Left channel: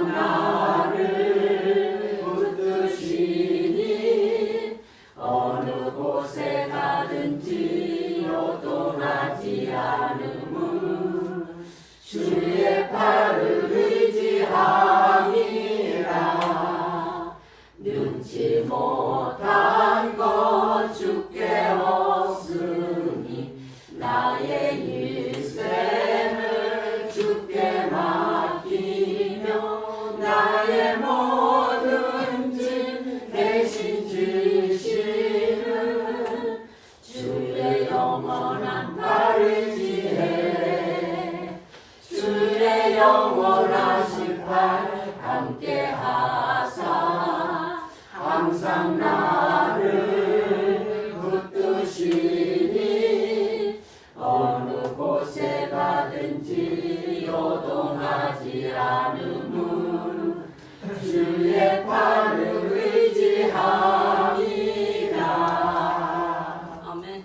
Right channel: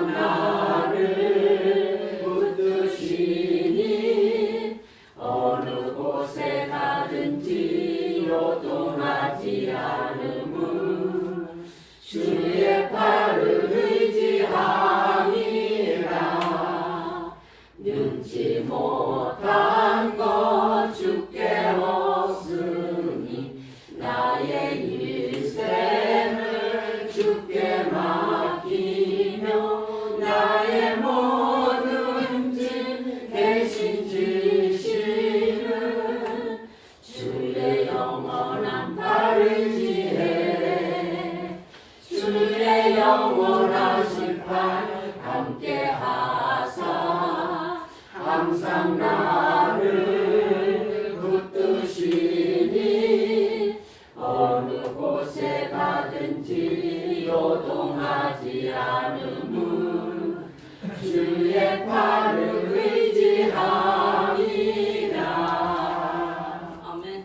항상 나를 붙드시니 어느 곳에 가든지 요동하지 않음은 주의 팔을 의지함이라. 능치 못한 것 주께 없으니 나의 일생을 주께 맡기며 나의 모든 짐 대신 지시는 주의 영원한 팔을 지혜. 주의 영원하신 팔 함께 하사 항상 나를 붙드시니 어느 곳에 가든지 요동하지 않음은 주의 팔을 의지함이라. 아멘.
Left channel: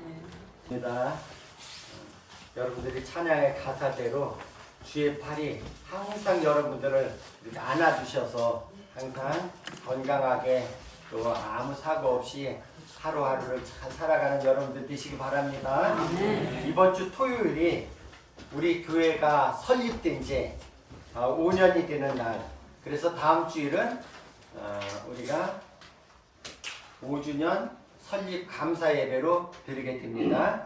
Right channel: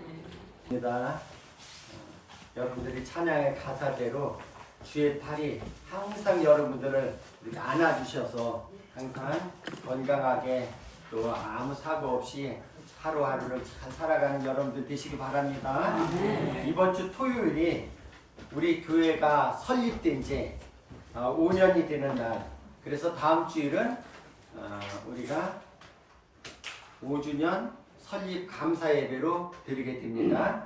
여러분들이 찬양의 가사대로 주의 팔이 항상 여러분들을 이렇게 안아주셔서 항상 건강하게 또 아무 사고 없이 하루하루를 잘 살아가는 여러분들 되시기 바랍니다. 이번 주 토요일이 우리 교회가 설립된 지 5년이 되는 날. 그래서 다음 주일은 우리가 5주년 설립 감사 예배로 드리게 됩니다.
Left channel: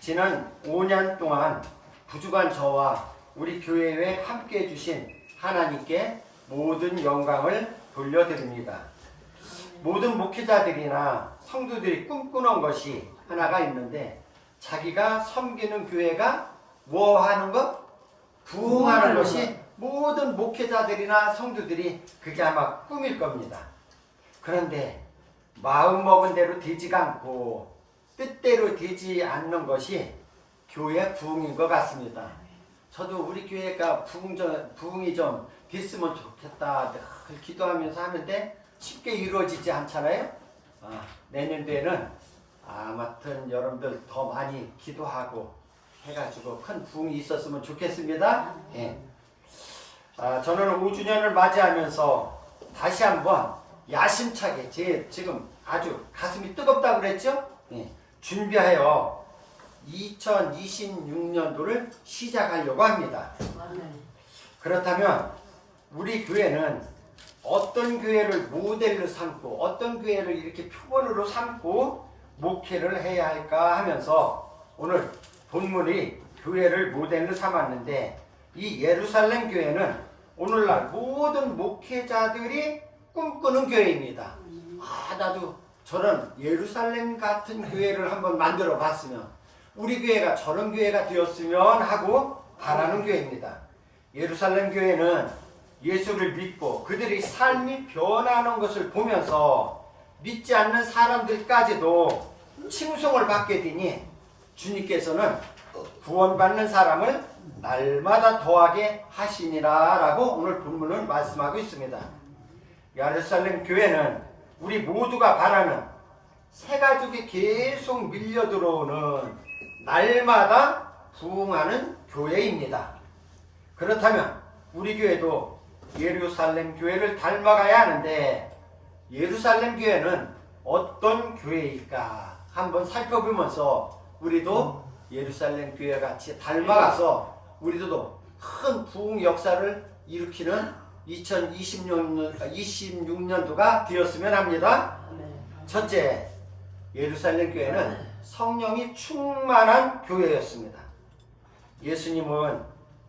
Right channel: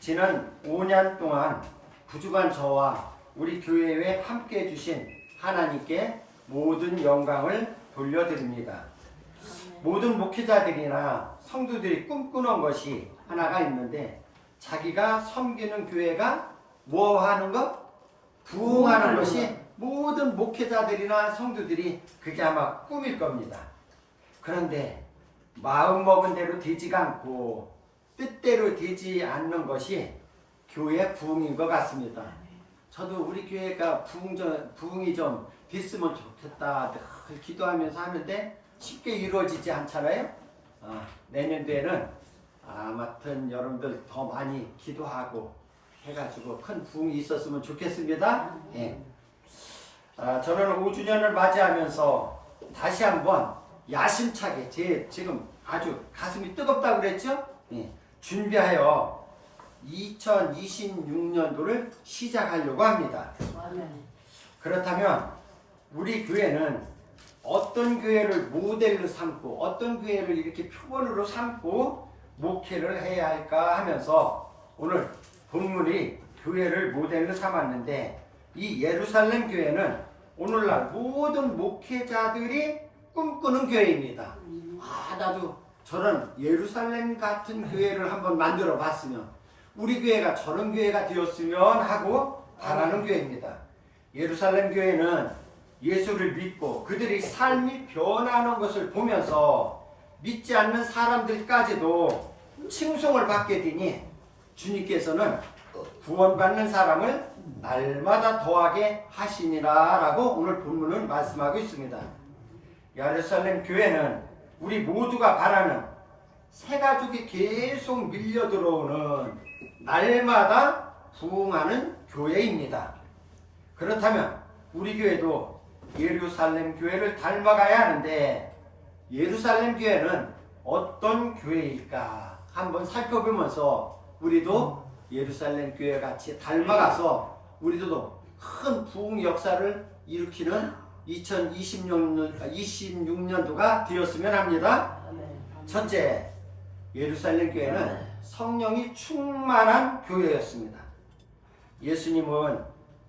지난 5년 동안 부족한 저와 우리 교회에 함께 해주신 하나님께 모든 영광을 돌려드립니다. 모든 목회자들이나 성도들이 꿈꾸는 것이 하나가 있는데, 자기가 섬기는 교회가 뭐 하는 것? 부흥하는 것이 모든 목회자들이나 성도들이 그게 아마 꿈일 겁니다. 그런데 마음먹은 대로 되지가 않고 뜻대로 되지 않는 것이 교회 부흥인 것 같습니다. 저도 우리 교회가 부흥이 좀 됐으면 좋겠다 늘 기도하면서 하는데 쉽게 이루어지지 않잖아요. 내년도에는 아무튼 여러분들 더 많이 기도하고 해가지고 큰 부흥이 있었으면 좋겠습니다. 예. 저는 5주년을 맞이하면서 다시 한번 야심차게 지금 아주 가슴이 뜨겁다고 그랬죠? 예. 준비하여 2026년도를 시작하려고 합니다. 그렇다면 우리 교회는 어떤 교회를 모델로 삼고 어떤 교회를 이렇게 표본으로 삼고 목회를 해야 할까 하면서 오늘 본문이 교회를 모델로 삼았는데, 이 예루살렘 교회는 오늘날 모든 목회자들이 꿈꾸는 교회입니다. 나도 저런 예루살렘 같은 교회를 한번 만들어 봤으면, 우리 교회가 저런 교회가 되었으면 하고 바라는 교회입니다. 예루살렘 교회는 예수를 믿고 그들의 삶이 변하는 것을 보면서 믿지 않는 사람들까지도 칭송을 받게 되니 주님께서는 구원받는 사람을 날마다 더하게 하시니라 라고 오늘 본문은 말씀하고 있습니다. 예루살렘 교회는 우리 모두가 바라는 새 가족이 계속 밀려 들어오는 날마다 부흥하는 교회입니다. 그렇다면 우리 교회도 예루살렘 교회를 닮아가야 하는데, 예루살렘 교회는 어떤 교회일까 한번 살펴보면서 우리도 예루살렘 교회 같이 닮아가서 우리도 큰 부흥 역사를 일으키는 2026년도가 되었으면 합니다. 첫째, 예루살렘 교회는 성령이 충만한 교회였습니다. 예수님은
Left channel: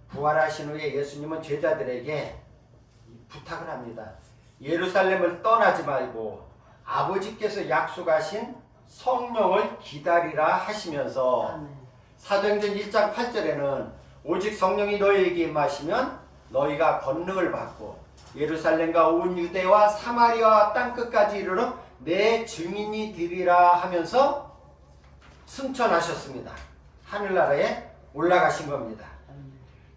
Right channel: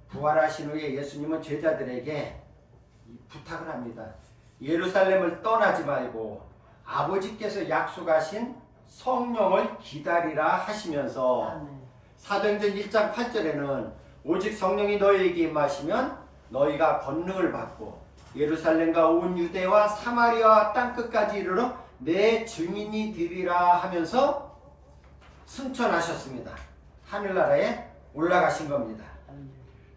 부활하신 후에 예수님은 제자들에게 부탁을 합니다. 예루살렘을 떠나지 말고 아버지께서 약속하신 성령을 기다리라 하시면서 사도행전 1장 8절에는 오직 성령이 너희에게 임하시면 너희가 권능을 받고 예루살렘과 온 유대와 사마리아 땅끝까지 이르러 내 증인이 되리라 하면서 승천하셨습니다. 하늘나라에 올라가신 겁니다.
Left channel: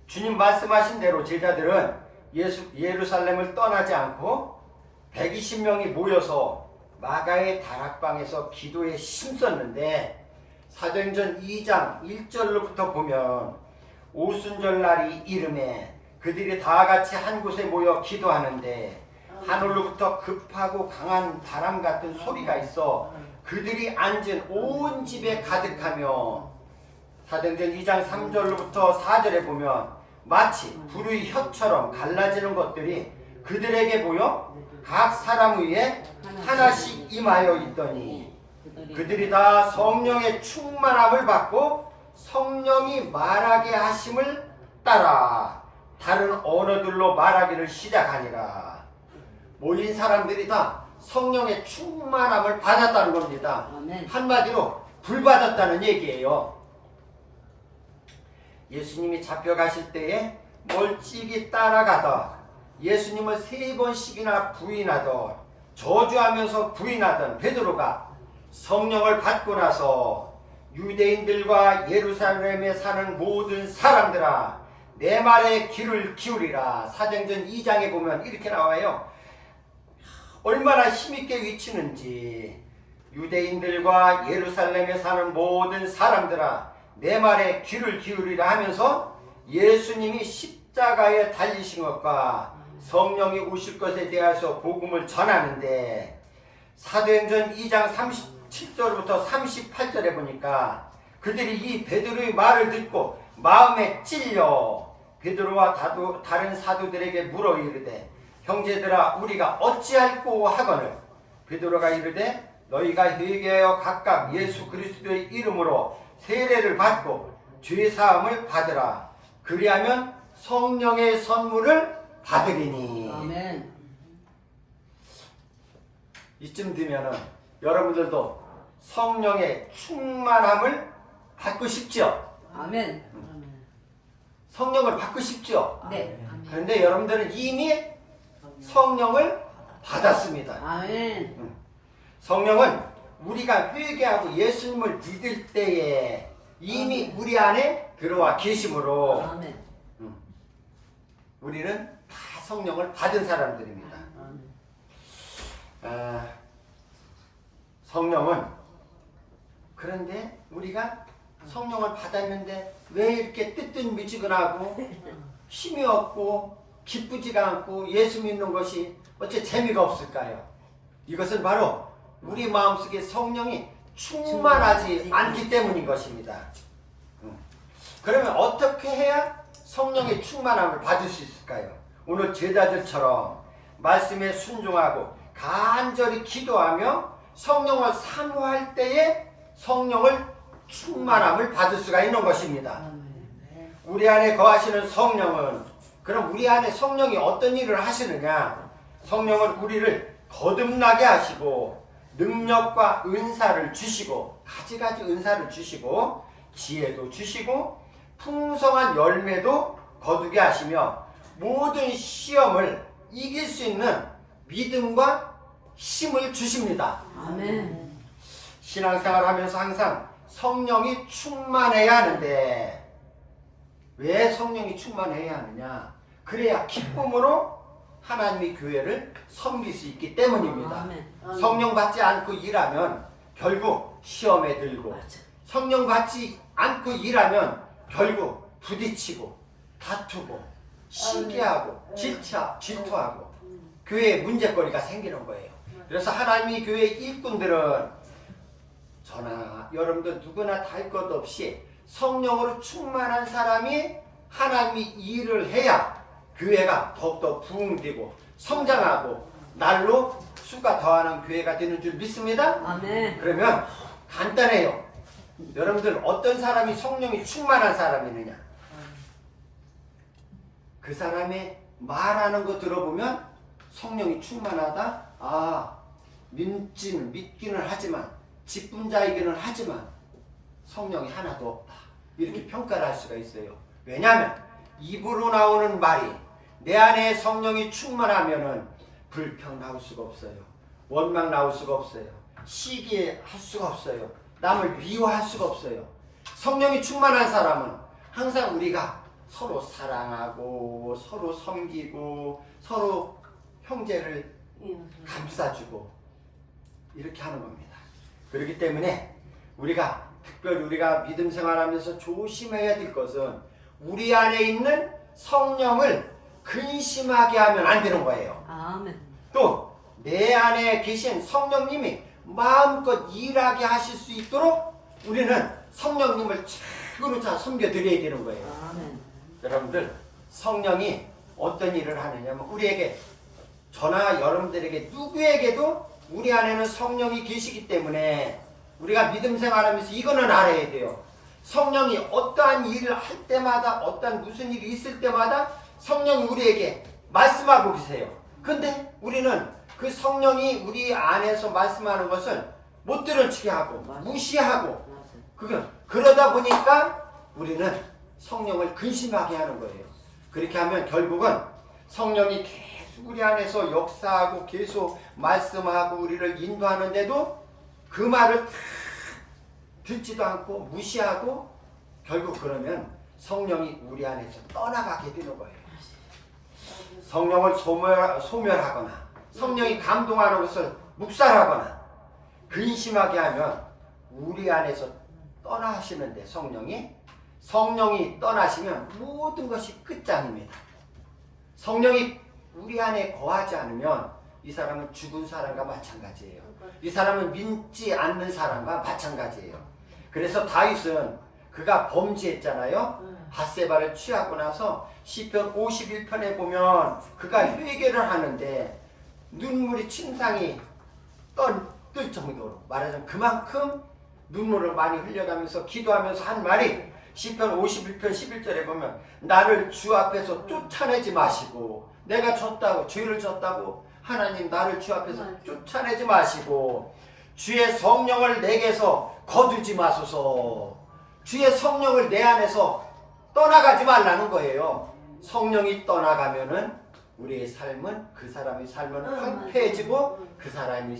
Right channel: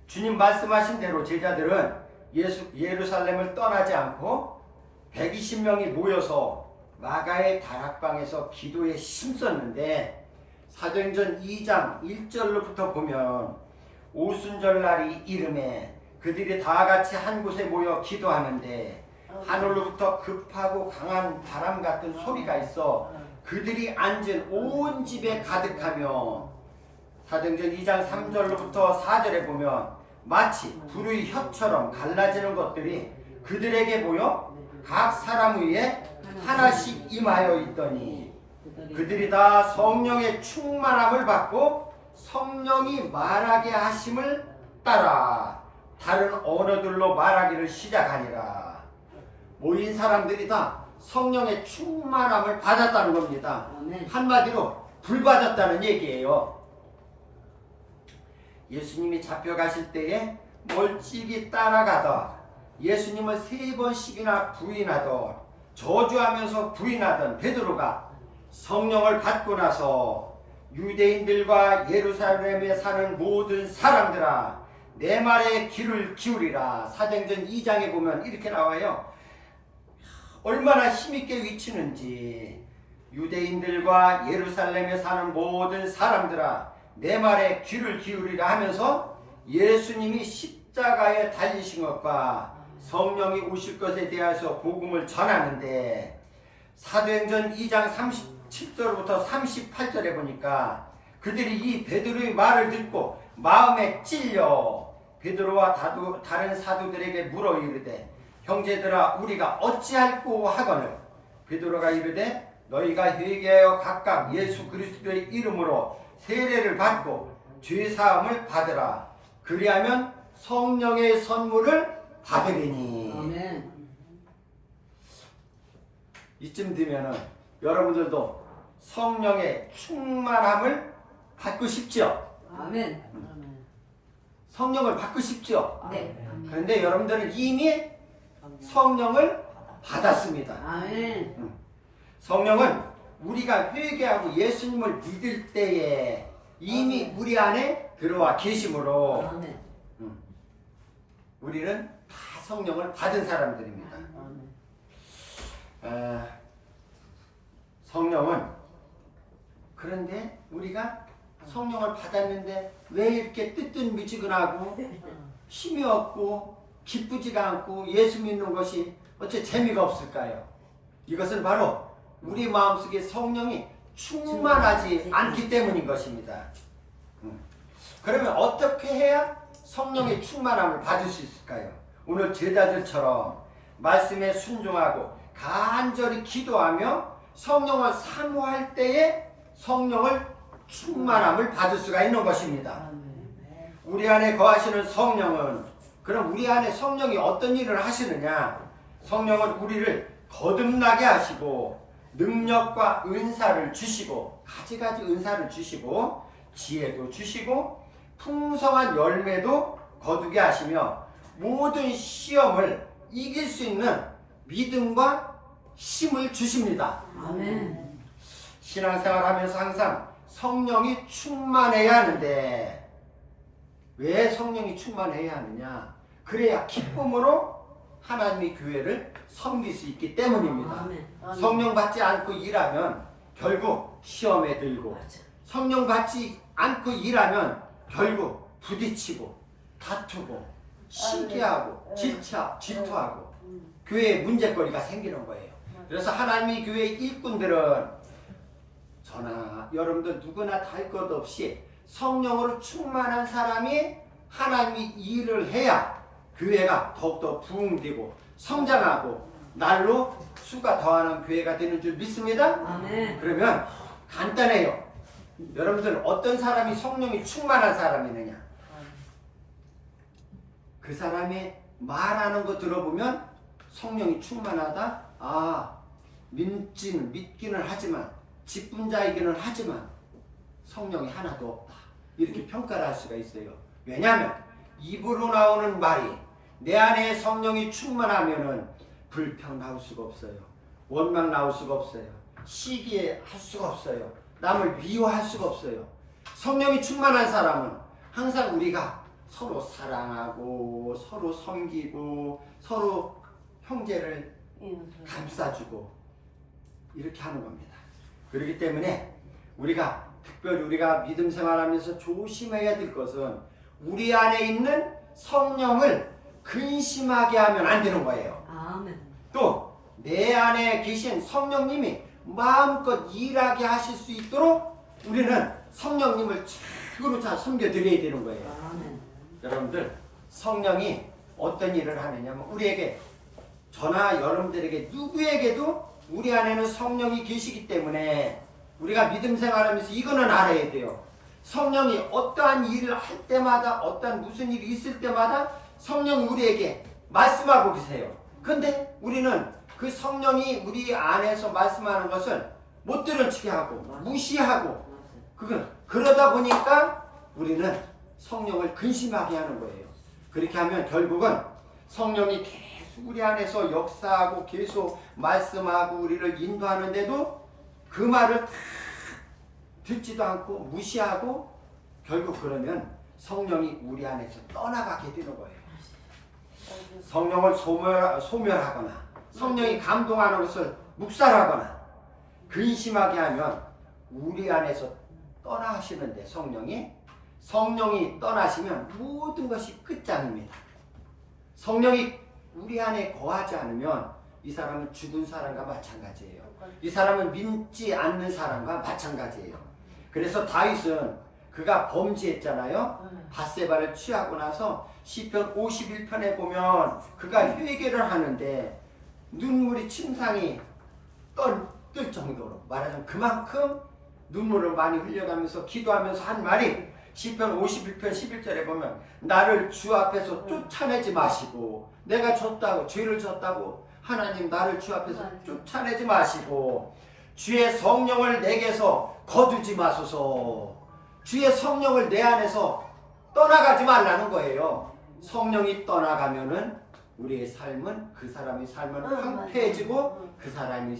주님 말씀하신 대로 제자들은 예루살렘을 떠나지 않고 120명이 모여서 마가의 다락방에서 기도에 힘썼는데, 사도행전 2장 1절로부터 보면 오순절 날이 이름에 그들이 다 같이 한 곳에 모여 기도하는데 하늘로부터 급하고 강한 바람 같은 소리가 있어 그들이 앉은 온 집에 가득하며 사도행전 2장 3절로부터 4절에 보면 마치 불의 혀처럼 갈라지는 것들이 그들에게 보여 각 사람 위에 하나씩 임하여 있더니 그들이 다 성령의 충만함을 받고 성령이 말하게 하심을 따라 다른 언어들로 말하기를 시작하니라. 모인 사람들이 다 성령의 충만함을 받았다는 겁니다. 아멘. 한마디로 불 받았다는 얘기예요. 예수님이 잡혀가실 때에 멀찍이 따라가다 예수님을 3번씩이나 부인하던 저주하면서 부인하던 베드로가 성령을 받고 나서 유대인들과 예루살렘에 사는 모든 사람들아 내 말에 귀를 기울이라. 사도행전 2장에 보면 이렇게 나와요. 얼마나 힘있게 외치는지 유대인들과 예루살렘에 사는 모든 사람들아 내 말에 귀를 기울이라 하면서 예수님이 십자가에 달리신 것과 성령이 오실 것에 대해서 복음을 전하는데 사도행전 2장 37절부터 38절에 보니까 그들이 이 베드로의 말을 듣고 마음에 찔려 베드로와 다른 사도들에게 물어 이르되 형제들아 우리가 어찌할꼬 하거늘 베드로가 이르되 너희가 회개하여 각각 예수 그리스도의 이름으로 세례를 받고 죄사함을 받으라. 그리하면 성령의 선물을 받으리니. 아멘. 이쯤 되면은 여러분들도 성령의 충만함을 받고 싶죠? 아멘. 성령을 받고 싶죠? 네. 그런데 여러분들은 이미 성령을 받았습니다. 아멘. 성령은 우리가 회개하고 예수님을 믿을 때에 이미 우리 안에 들어와 계심으로 아멘. 우리는 다 성령을 받은 사람들입니다. 성령은 그런데 우리가 성령을 받았는데 왜 이렇게 뜨뜻미지근하고 힘이 없고 기쁘지가 않고 예수 믿는 것이 어째 재미가 없을까요? 이것은 바로 우리 마음속에 성령이 충만하지 않기 때문인 것입니다. 그러면 어떻게 해야 성령의 충만함을 받을 수 있을까요? 오늘 제자들처럼 말씀에 순종하고 간절히 기도하며 성령을 사모할 때에 성령을 충만함을 받을 수가 있는 것입니다. 우리 안에 거하시는 성령은 그럼 우리 안에 성령이 어떤 일을 하시느냐? 성령은 우리를 거듭나게 하시고 능력과 은사를 주시고 가지가지 은사를 주시고 지혜도 주시고 풍성한 열매도 거두게 하시며 모든 시험을 이길 수 있는 믿음과 힘을 주십니다. 아멘. 신앙생활을 하면서 항상 성령이 충만해야 하는데 왜 성령이 충만해야 하느냐? 그래야 기쁨으로 하나님의 교회를 섬길 수 있기 때문입니다. 아멘. 성령 받지 않고 일하면 결국 시험에 들고 성령 받지 않고 일하면 결국 부딪히고 다투고 시기하고 질투하고 교회에 문제거리가 생기는 거예요. 그래서 하나님의 교회 일꾼들은 저나 여러분들 누구나 다 할 것 없이 성령으로 충만한 사람이 하나님이 일을 해야 교회가 더욱더 부흥되고 성장하고 날로 수가 더하는 교회가 되는 줄 믿습니다. 아멘. 그러면 간단해요. 여러분들 어떤 사람이 성령이 충만한 사람이느냐? 그 사람이 말하는 거 들어보면 성령이 충만하다. 믿기는 하지만 직분자이기는 하지만 성령이 하나도 없다. 이렇게 평가를 할 수가 있어요. 왜냐하면 입으로 나오는 말이 내 안에 성령이 충만하면은 불평 나올 수가 없어요. 원망 나올 수가 없어요. 시기할 수가 없어요. 남을 미워할 수가 없어요. 성령이 충만한 사람은 항상 우리가 서로 사랑하고 서로 섬기고 서로 형제를 감싸주고 이렇게 하는 겁니다. 그렇기 때문에 특별히 우리가 믿음 생활하면서 조심해야 될 것은 우리 안에 있는 성령을 근심하게 하면 안 되는 거예요. 아멘. 또 내 안에 계신 성령님이 마음껏 일하게 하실 수 있도록 우리는 성령님을 최고로 잘 섬겨드려야 되는 거예요. 아멘. 여러분들, 성령이 어떤 일을 하느냐면 우리에게, 저나 여러분들에게 누구에게도 우리 안에는 성령이 계시기 때문에 우리가 믿음 생활하면서 이거는 알아야 돼요. 성령이 어떠한 일을 할 때마다, 어떠한 무슨 일이 있을 때마다 성령이 우리에게 말씀하고 계세요. 근데 우리는 그 성령이 우리 안에서 말씀하는 것을 못 들은 척 하고 무시하고, 그러다 보니까 우리는 성령을 근심하게 하는 거예요. 그렇게 하면 결국은 성령이 계속 우리 안에서 역사하고 계속 말씀하고 우리를 인도하는데도 그 말을 다 듣지도 않고 무시하고, 결국 그러면 성령이 우리 안에서 떠나가게 되는 거예요. 성령을 소멸하거나 성령이 감동하는 것을 묵살하거나 근심하게 하면 우리 안에서 떠나시는데, 성령이 떠나시면 모든 것이 끝장입니다. 성령이 우리 안에 거하지 않으면 이 사람은 죽은 사람과 마찬가지예요. 이 사람은 믿지 않는 사람과 마찬가지예요. 그래서 다윗은 그가 범죄했잖아요. 밧세바를 취하고 나서 시편 51편에 보면 그가 회개를 하는데 눈물이 침상이 뜰 정도로, 말하자면 그만큼 눈물을 많이 흘려가면서 기도하면서 한 말이, 시편 51편 11절에 보면 나를 주 앞에서 쫓아내지 마시고, 내가 졌다고, 죄를 졌다고 하나님 나를 주 앞에서 쫓아내지 마시고 주의 성령을 내게서 거두지 마소서. 주의 성령을 내 안에서 떠나가지 말라는 거예요. 성령이 떠나가면은 우리의 삶은, 그 사람의 삶은 황폐해지고 그 사람의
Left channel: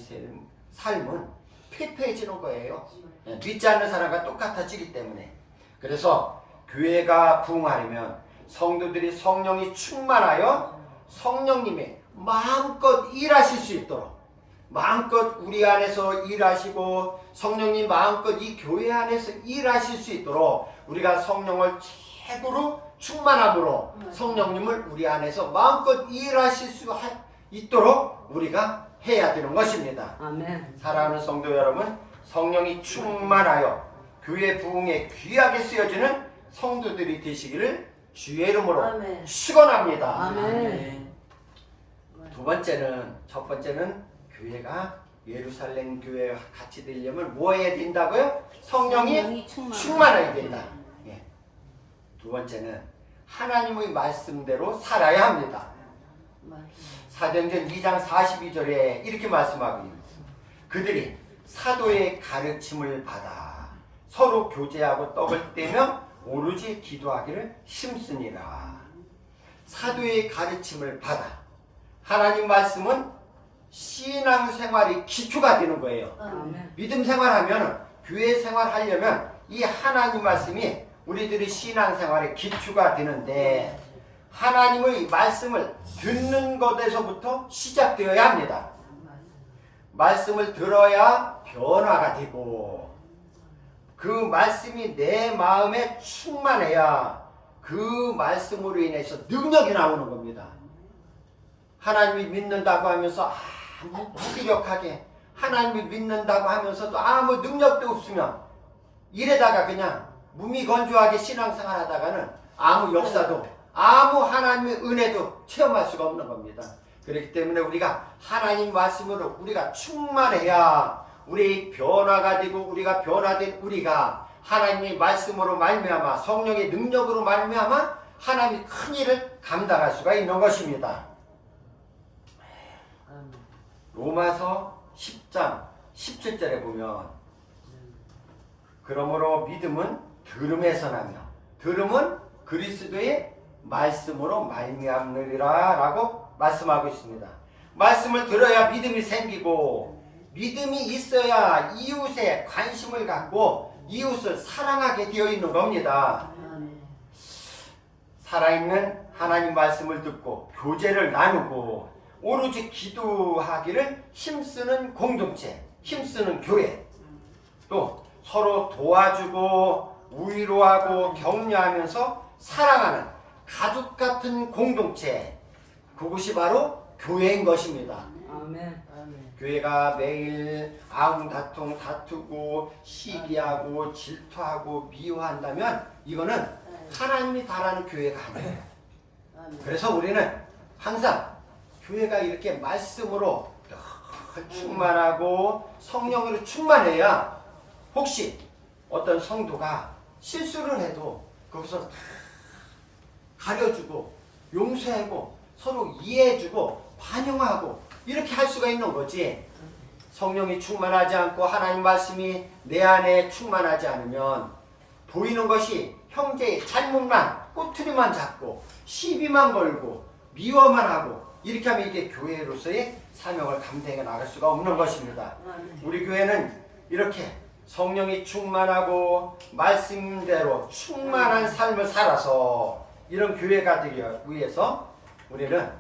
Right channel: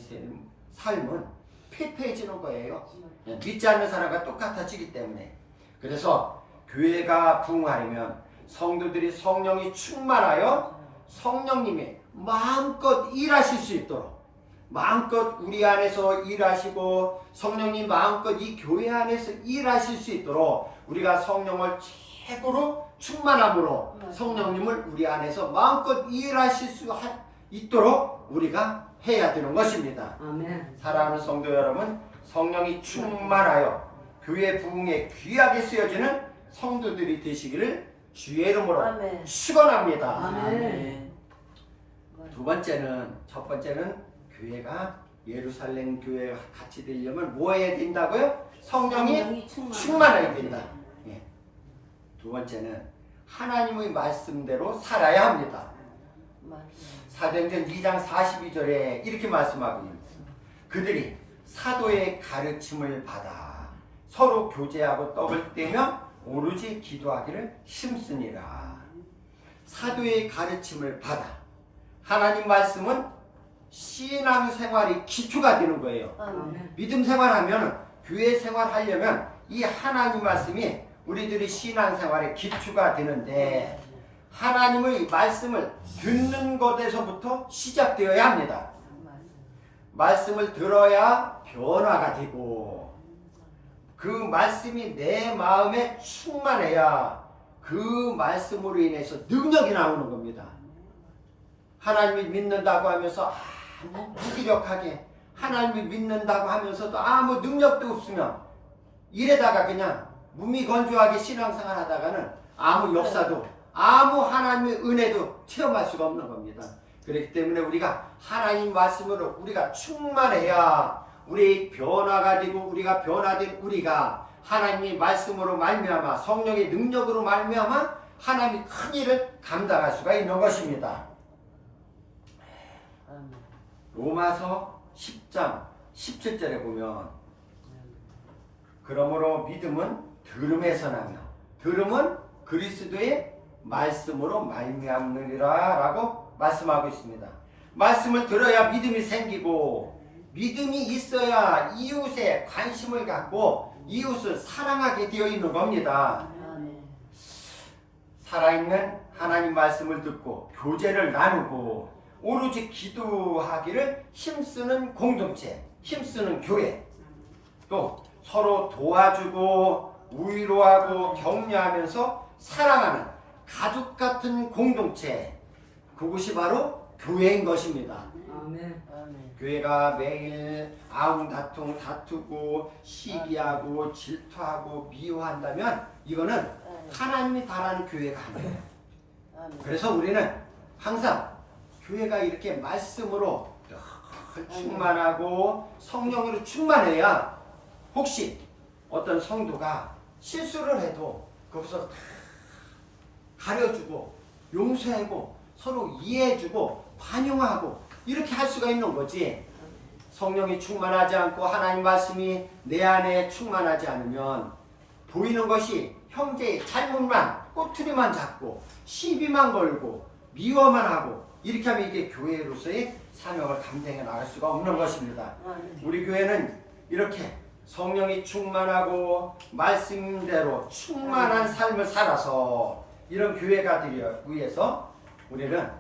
삶은 폐폐해지는 거예요. 믿지 않는 사람과 똑같아지기 때문에. 그래서 교회가 부흥하려면 성도들이 성령이 충만하여 성령님이 마음껏 일하실 수 있도록, 마음껏 우리 안에서 일하시고 성령님 마음껏 이 교회 안에서 일하실 수 있도록 우리가 성령을 최고로 충만함으로 성령님을 우리 안에서 마음껏 일하실 수 있도록 우리가 해야 되는 것입니다. 아멘. 사랑하는 성도 여러분, 성령이 충만하여 교회 부흥에 귀하게 쓰여지는 성도들이 되시기를 주의 이름으로 아멘. 축원합니다. 아멘. 두 번째는, 첫 번째는 교회가 예루살렘 교회와 같이 되려면 뭐 해야 된다고요? 성령이 충만해야 된다. 예. 두 번째는 하나님의 말씀대로 살아야 합니다. 사도행전 2장 42절에 이렇게 말씀하고 있습니다. 그들이 사도의 가르침을 받아 서로 교제하고 떡을 떼며 오로지 기도하기를 힘쓰니라. 사도의 가르침을 받아, 하나님 말씀은 신앙생활이 기초가 되는 거예요. 아멘. 믿음 생활하면, 교회 생활하려면 이 하나님 말씀이 우리들의 신앙생활의 기초가 되는데, 하나님의 말씀을 듣는 것에서부터 시작되어야 합니다. 말씀을 들어야 변화가 되고, 그 말씀이 내 마음에 충만해야 그 말씀으로 인해서 능력이 나오는 겁니다. 하나님이 믿는다고 하면서 무기력하게, 하나님이 믿는다고 하면서도 아무 능력도 없으면, 이래다가 그냥 무미건조하게 신앙생활 하다가는 아무 역사도, 아무 하나님의 은혜도 체험할 수가 없는 겁니다. 그렇기 때문에 우리가 하나님 말씀으로 우리가 충만해야 우리 변화가 되고, 우리가 변화된 우리가 하나님의 말씀으로 말미암아, 성령의 능력으로 말미암아 하나님의 큰 일을 감당할 수가 있는 것입니다. 로마서 10장 17절에 보면, 그러므로 믿음은 들음에서 나며 들음은 그리스도의 말씀으로 말미암느니라 라고 말씀하고 있습니다. 말씀을 들어야 믿음이 생기고, 믿음이 있어야 이웃에 관심을 갖고 이웃을 사랑하게 되어 있는 겁니다. 살아있는 하나님 말씀을 듣고 교제를 나누고 오로지 기도하기를 힘쓰는 공동체, 힘쓰는 교회, 또 서로 도와주고 위로하고 격려하면서 사랑하는 가족 같은 공동체, 그것이 바로 교회인 것입니다. 아멘. 교회가 매일 아웅다퉁 다투고 시기하고 질투하고 미워한다면 이거는 하나님이 바라는 교회가 아니에요. 그래서 우리는 항상 교회가 이렇게 말씀으로 충만하고 성령으로 충만해야 혹시 어떤 성도가 실수를 해도 거기서 가려주고 용서하고 서로 이해해주고 반영하고 이렇게 할 수가 있는 거지. 성령이 충만하지 않고 하나님 말씀이 내 안에 충만하지 않으면 보이는 것이 형제의 잘못만 꼬투리만 잡고 시비만 걸고 미워만 하고 이렇게 하면 이게 교회로서의 사명을 감당해 나갈 수가 없는 것입니다. 우리 교회는 이렇게 성령이 충만하고 말씀대로 충만한 삶을 살아서 이런 교회가 되기 위해서 우리는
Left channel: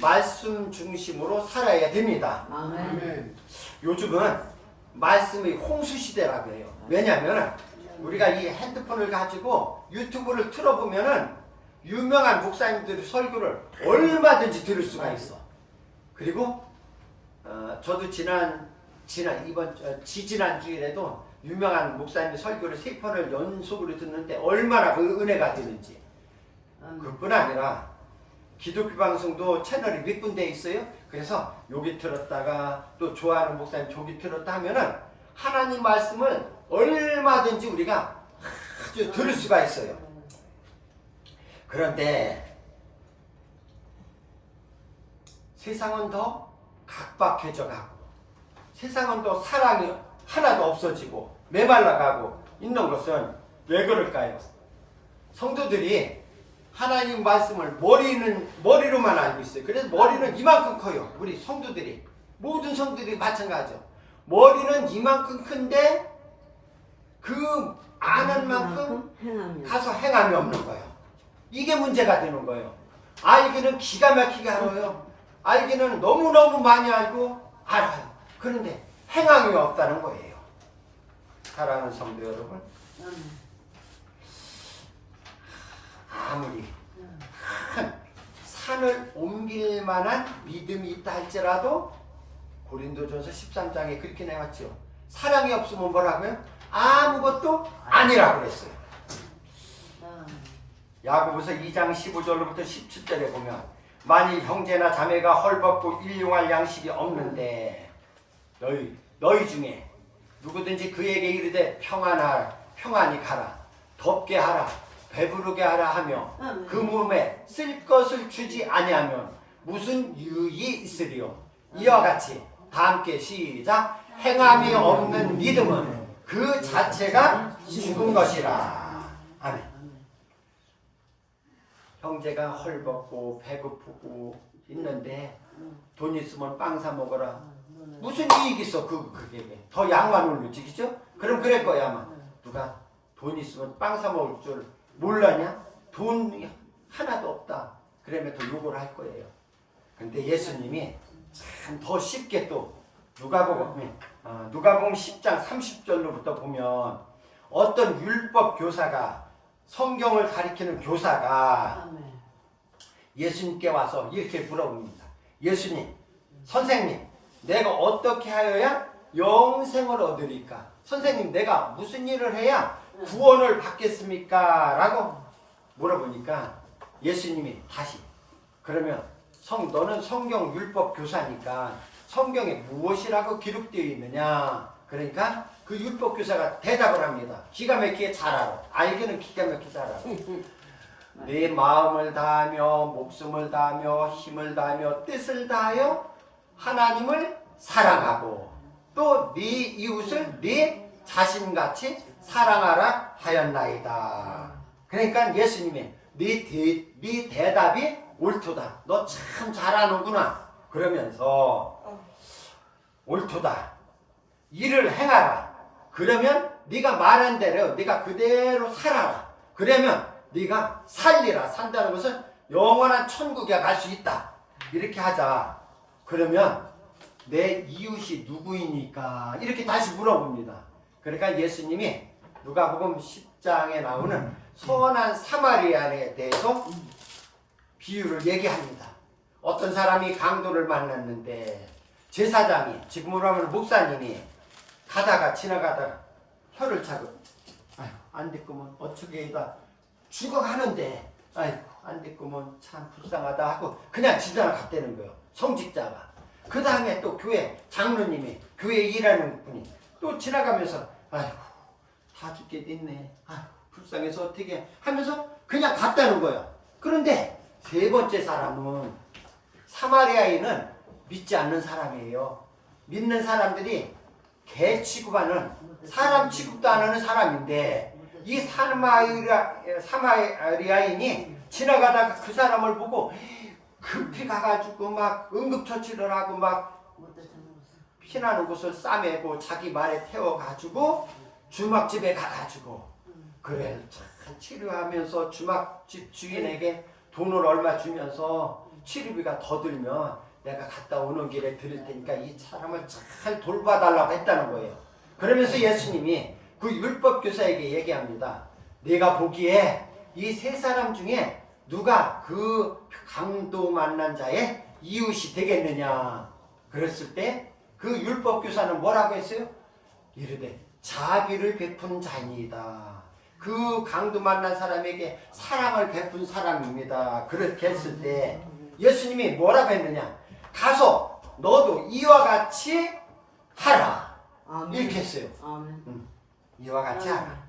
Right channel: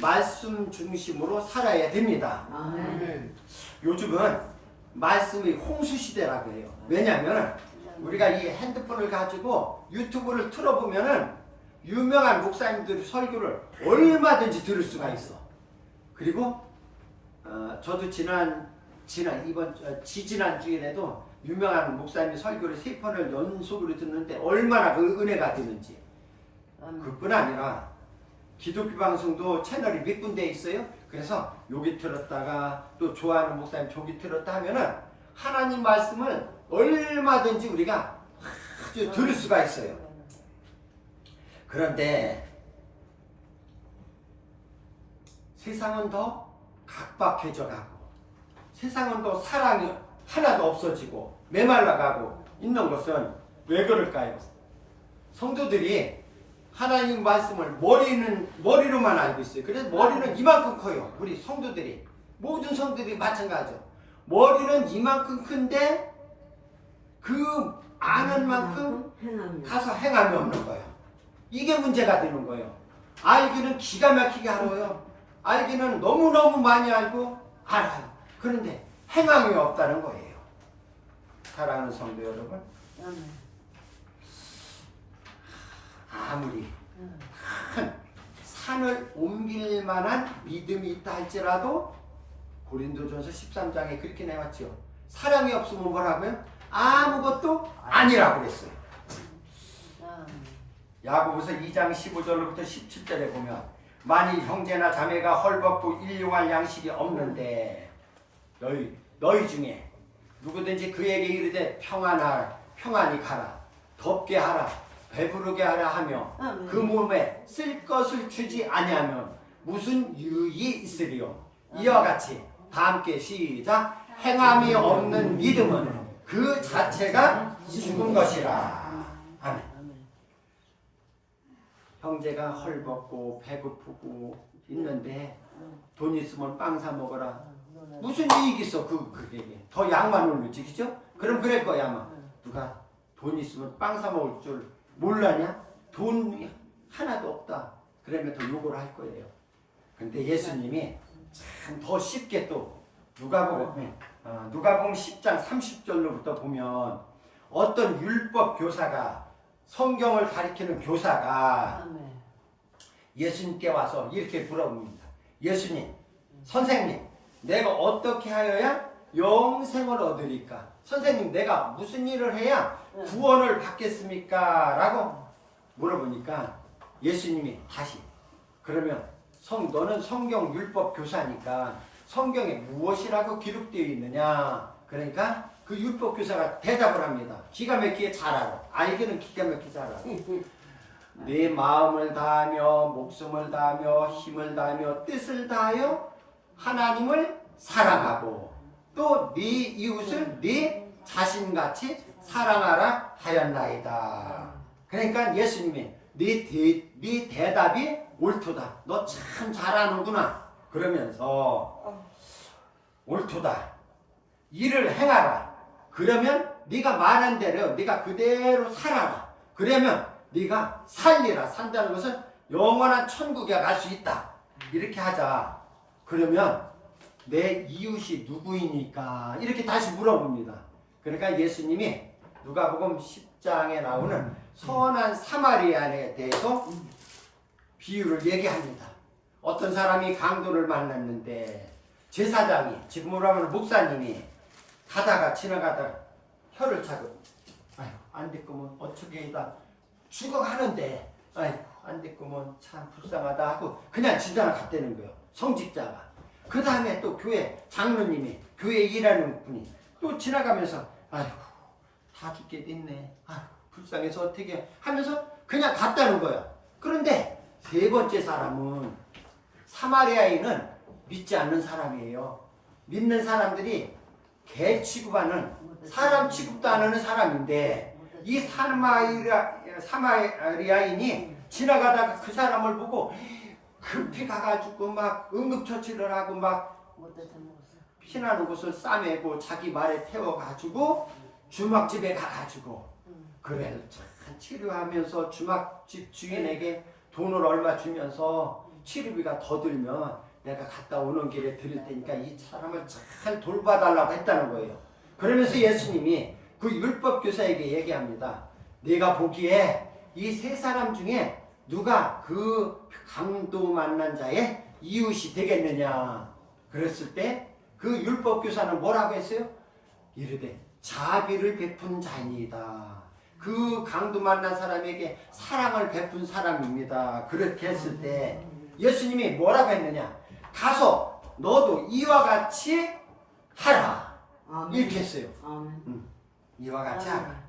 말씀 중심으로 살아야 됩니다. 아멘. 요즘은 말씀의 홍수 시대라고 해요. 왜냐하면 우리가 이 핸드폰을 가지고 유튜브를 틀어보면은 유명한 목사님들의 설교를 얼마든지 들을 수가 있어. 그리고 저도 지난 지지난 주일에도 유명한 목사님의 설교를 3편을 연속으로 듣는데 얼마나 그 은혜가 되는지. 그뿐 아니라 기독교 방송도 채널이 몇 군데 있어요. 그래서 여기 틀었다가 또 좋아하는 목사님 저기 틀었다 하면은 하나님 말씀을 얼마든지 우리가 아주 들을 수가 있어요. 그런데 세상은 더 각박해져 가고 세상은 더 사랑이 하나도 없어지고 메말라가고 있는 것은 왜 그럴까요? 성도들이 하나님 말씀을 머리로만 알고 있어요. 그래서 머리는 이만큼 커요. 우리 성도들이 모든 성도들이 마찬가지죠. 머리는 이만큼 큰데 그 아는 만큼 가서 행함이 없는 거예요. 이게 문제가 되는 거예요. 알기는 기가 막히게 알아요. 알기는 너무너무 많이 알고 알아요. 그런데 행함이 없다는 거예요. 사랑하는 성도 여러분, 아무리 큰 산을 옮길 만한 믿음이 있다 할지라도 고린도전서 13장에 그렇게 나왔죠. 사랑이 없으면 뭐라고요? 아무것도 아니라고 그랬어요. 야고보서 2장 15절로부터 17절에 보면 만일 형제나 자매가 헐벗고 일용할 양식이 없는데 너희 중에 누구든지 그에게 이르되 평안히 가라, 덥게 하라, 배부르게 하라 하며 그 몸에 쓸 것을 주지 아니하면 무슨 유익이 있으리요. 이와 같이 다 함께 시작. 행함이 없는 믿음은 그 자체가 죽은 것이라. 아멘. 형제가 헐벗고 배고프고 있는데 돈 있으면 빵 사 먹어라. 무슨 이익이 있어 그게. 더 양만 올리지, 그죠? 그럼 그럴 거야 아마. 누가 돈 있으면 빵 사 먹을 줄 몰라냐? 돈 하나도 없다. 그러면 더 요구를 할 거예요. 근데 예수님이 참 더 쉽게 또 누가복음 10장 30절로부터 보면 어떤 율법 교사가 성경을 가리키는 교사가 예수님께 와서 이렇게 물어봅니다. 예수님, 선생님, 내가 어떻게 하여야 영생을 얻으리까? 선생님, 내가 무슨 일을 해야 구원을 받겠습니까? 라고 물어보니까 예수님이 다시 그러면 너는 성경 율법 교사니까 성경에 무엇이라고 기록되어 있느냐? 그러니까 그 율법 교사가 대답을 합니다. 기가 막히게 잘 알아. 알기는 기가 막히게 잘 알아. 내 마음을 다하며 목숨을 다하며 힘을 다하며 뜻을 다하여 하나님을 사랑하고 또 네 이웃을 네 자신같이 사랑하라 하였나이다. 그러니까 예수님이 네 대답이 옳도다. 너 참 잘하는구나. 그러면서 옳도다. 일을 행하라. 그러면 네가 말한 대로 네가 그대로 살아라. 그러면 네가 살리라. 산다는 것은 영원한 천국에 갈 수 있다. 이렇게 하자. 그러면 내 이웃이 누구이니까? 이렇게 다시 물어봅니다. 그러니까 예수님이 누가복음 10장에 나오는 선한 사마리아인에 대해서 비유를 얘기합니다. 어떤 사람이 강도를 만났는데 제사장이, 지금으로 하면 목사님이 가다가 지나가다가 혀를 차고 아이고 안 됐구먼 어쩌게다 죽어가는데 아이고 안 됐구먼 참 불쌍하다 하고 그냥 지나갔다는 거예요. 성직자가. 그 다음에 또 교회 장로님이, 교회 일하는 분이 또 지나가면서 아이고 다 죽게 됐네, 아이고 불쌍해서 어떻게 하면서 그냥 갔다는 거예요. 그런데 세 번째 사람은 사마리아인은 믿지 않는 사람이에요. 믿는 사람들이 개 취급하는, 사람 취급도 안 하는 사람인데 이 사마리아인이 지나가다가 그 사람을 보고 급히 가가지고 막 응급처치를 하고 막 피나는 곳을 싸매고 자기 말에 태워가지고 주막집에 가가지고 그래 참 치료하면서 주막집 주인에게 돈을 얼마 주면서 치료비가 더 들면 내가 갔다 오는 길에 드릴 테니까 이 사람을 잘 돌봐달라고 했다는 거예요. 그러면서 예수님이 그 율법교사에게 얘기합니다. 내가 보기에 이 세 사람 중에 누가 그 강도 만난 자의 이웃이 되겠느냐. 그랬을 때 그 율법교사는 뭐라고 했어요? 이르되 자비를 베푼 자니이다. 그 강도 만난 사람에게 사랑을 베푼 사람입니다. 그렇게 했을 때 예수님이 뭐라고 했느냐? 가서 너도 이와 같이 하라. 아멘. 이렇게 했어요. 이와 같이 하라.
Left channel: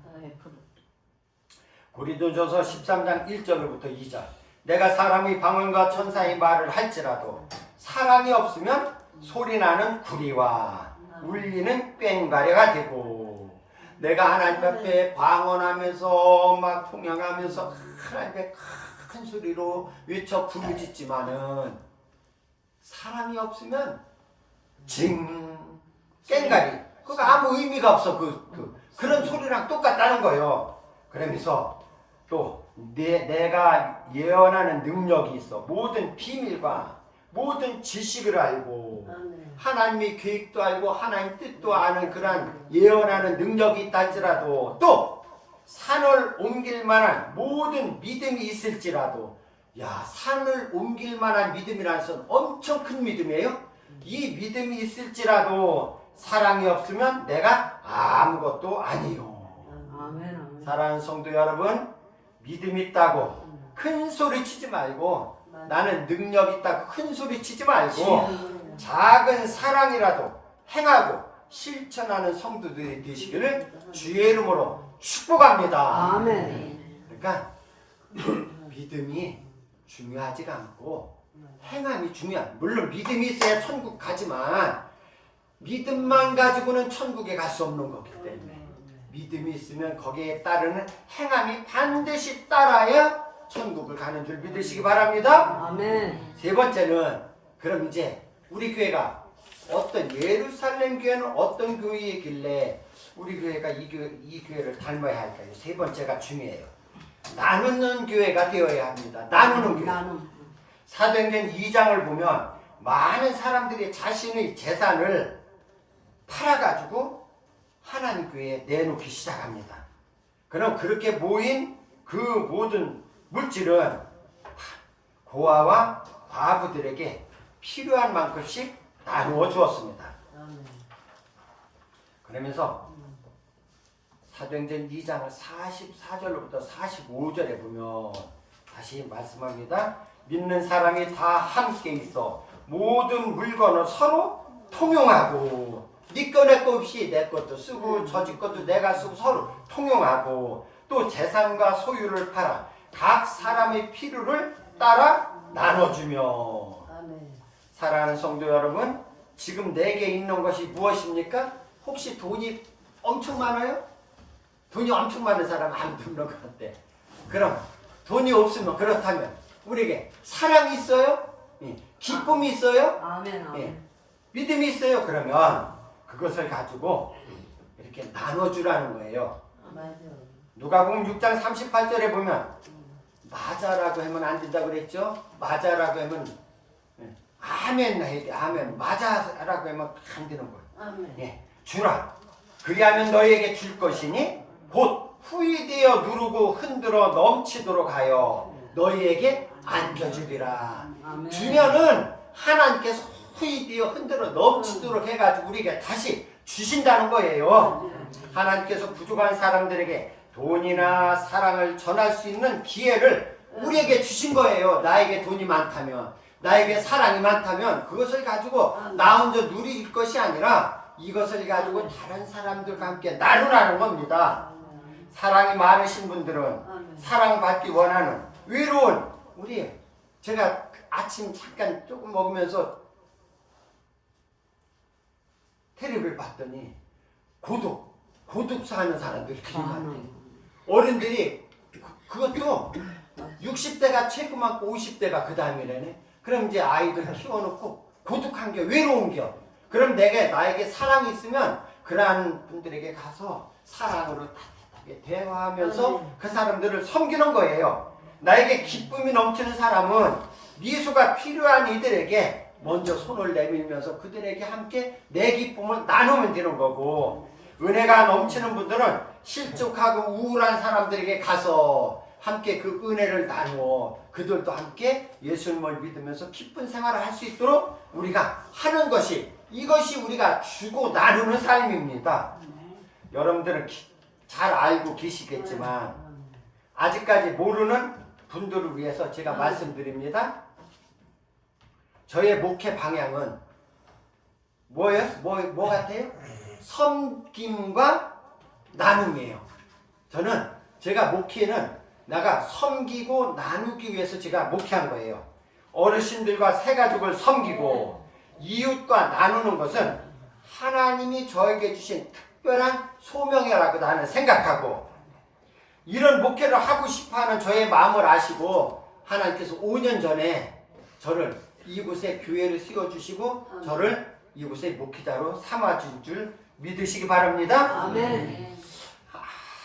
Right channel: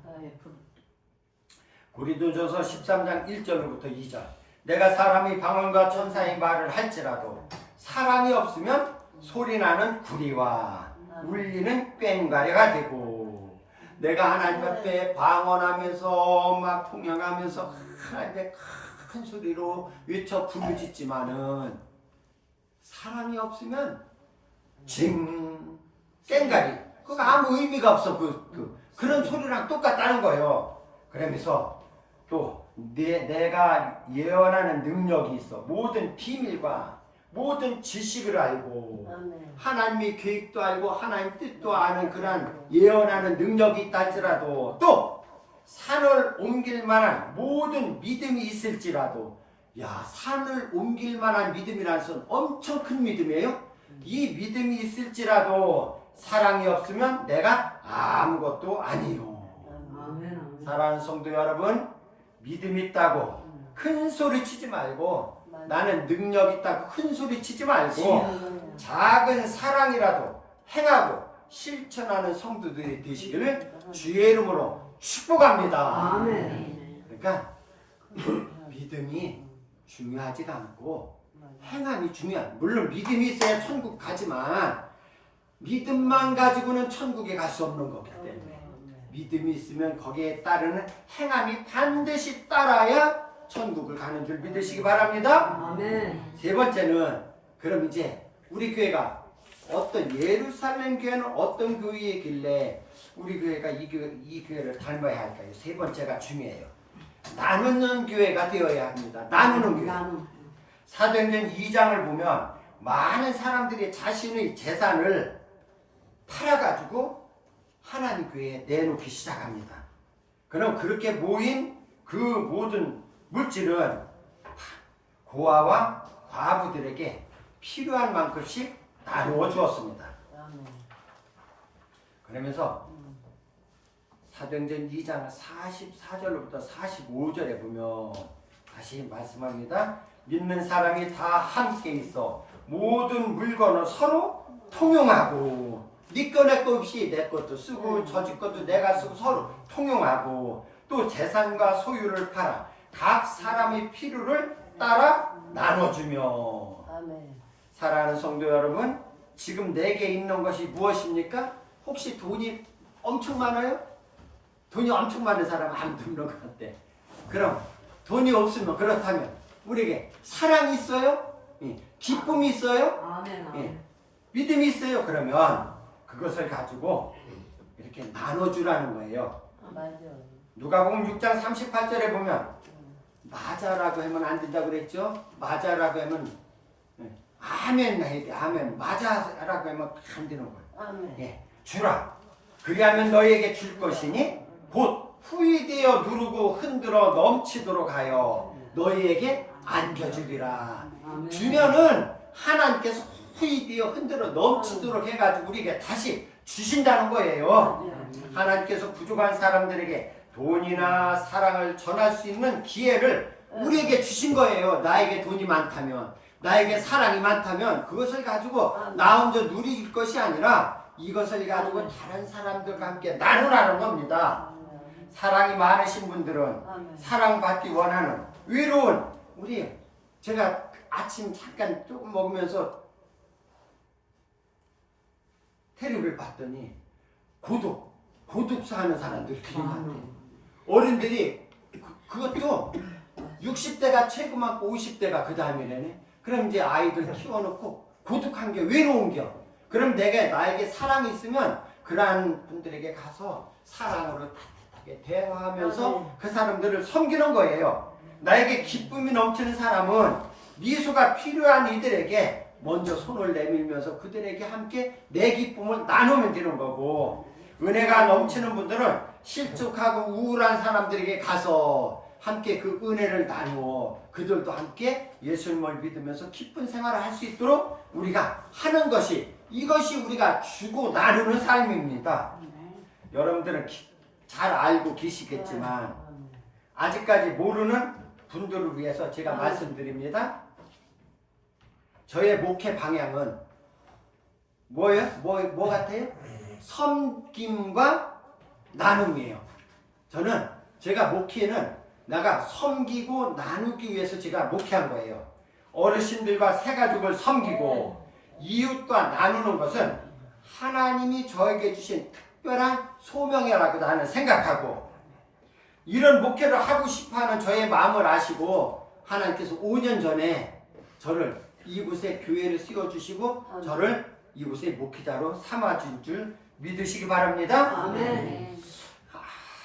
고린도전서 13장 1절부터 2절. 내가 사람이 방언과 천사의 말을 할지라도 사랑이 없으면 소리나는 구리와 울리는 꽹과리가 되고, 내가 하나님 앞에 방언하면서 막 통역하면서 하나님께 큰 소리로 외쳐 부르짖지만은 사랑이 없으면 꽹과리, 그거 아무 의미가 없어. 그런 소리랑 똑같다는 거예요. 그러면서 또 내가 예언하는 능력이 있어. 모든 비밀과 모든 지식을 알고 하나님의 계획도 알고 하나님 뜻도 아는 그런 예언하는 능력이 있다 할지라도, 또 산을 옮길 만한 모든 믿음이 있을지라도, 야, 산을 옮길 만한 믿음이라는 것은 엄청 큰 믿음이에요. 이 믿음이 있을지라도 사랑이 없으면 내가 아무것도 아니요. 사랑하는 성도 여러분, 믿음 있다고 큰 소리 치지 말고, 나는 능력 있다고 큰 소리 치지 말고 작은 사랑이라도 행하고 실천하는 성도들이 되시기를 주의 이름으로 축복합니다. 아멘. 그러니까 믿음이 중요하지가 않고 행함이 중요한, 물론 믿음이 있어야 천국 가지만 믿음만 가지고는 천국에 갈 수 없는 거기 때문에 믿음이 있으면 거기에 따르는 행함이 반드시 따라야 천국을 가는 줄 믿으시기 바랍니다. 아멘. 세 번째는, 그럼 이제 우리 교회가 어떤, 예루살렘 교회는 어떤 교회이길래 우리 교회가 이 교회를 닮아야 할까요? 세 번째가 중요해요. 나누는 교회가 되어야 합니다. 나누는 교회. 사도행전 2장을 보면 많은 사람들이 자신의 재산을 팔아가지고 하나님 교회에 내놓기 시작합니다. 그럼 그렇게 모인 그 모든 물질은 고아와 과부들에게 필요한 만큼씩 나누어 주었습니다. 그러면서 사도행전 2장 44절로부터 45절에 보면 다시 말씀합니다. 믿는 사람이 다 함께 있어 모든 물건을 서로 통용하고, 네 거 내 거 없이 내 것도 쓰고 저 집 것도 내가 쓰고 서로 통용하고, 또 재산과 소유를 팔아 각 사람의 필요를 따라 나눠주며. 사랑하는 성도 여러분, 지금 내게 있는 것이 무엇입니까? 혹시 돈이 엄청 많아요? 돈이 엄청 많은 사람 아무도 없는 것 같아. 그럼 돈이 없으면, 그렇다면 우리에게 사랑이 있어요? 기쁨이 있어요? 아멘. 믿음이 있어요? 그러면 그것을 가지고 이렇게 나눠주라는 거예요. 누가복음 6장 38절에 보면 맞아라고 하면 안 된다고 그랬죠? 맞아라고 하면 아멘 해야 돼. 아멘. 맞아라고 하면 안 되는 거예요. 예, 주라. 그리하면 너희에게 줄 것이니 곧 후이 되어 누르고 흔들어 넘치도록 하여 너희에게 안겨주리라. 아멘. 주면은 하나님께서 후이되어 흔들어 넘치도록 해가지고 우리에게 다시 주신다는 거예요. 하나님께서 부족한 사람들에게 돈이나 사랑을 전할 수 있는 기회를 우리에게 주신 거예요. 나에게 돈이 많다면, 나에게 사랑이 많다면 그것을 가지고 나 혼자 누릴 것이 아니라 이것을 가지고 다른 사람들과 함께 나누라는 겁니다. 사랑이 많으신 분들은 사랑받기 원하는 외로운 우리, 제가 아침 잠깐 조금 먹으면서 텔레비를 봤더니 고독사하는 사람들이 되게 많아요. 어른들이 그것도 60대가 최고 많고 50대가 그 다음이라네. 그럼 이제 아이들 키워놓고 고독한 게 외로운 게 그럼 나에게 사랑이 있으면 그러한 분들에게 가서 사랑으로 따뜻하게 대화하면서 그 사람들을 섬기는 거예요. 나에게 기쁨이 넘치는 사람은 미소가 필요한 이들에게 먼저 손을 내밀면서 그들에게 함께 내 기쁨을 나누면 되는 거고, 은혜가 넘치는 분들은 실족하고 우울한 사람들에게 가서 함께 그 은혜를 나누어 그들도 함께 예수님을 믿으면서 기쁜 생활을 할 수 있도록 우리가 하는 것이, 이것이 우리가 주고 나누는 삶입니다. 여러분들은 잘 알고 계시겠지만 아직까지 모르는 분들을 위해서 제가 말씀드립니다. 저의 목회 방향은 뭐예요? 뭐 같아요? 섬김과 나눔이에요. 제가 목회는 내가 섬기고 나누기 위해서 제가 목회한 거예요. 어르신들과 새가족을 섬기고 이웃과 나누는 것은 하나님이 저에게 주신 특별한 소명이라고 나는 생각하고, 이런 목회를 하고 싶어하는 저의 마음을 아시고 하나님께서 5년 전에 저를 이곳에 교회를 세워주시고 저를 이곳에 목회자로 삼아준 줄 믿으시기 바랍니다. 아멘.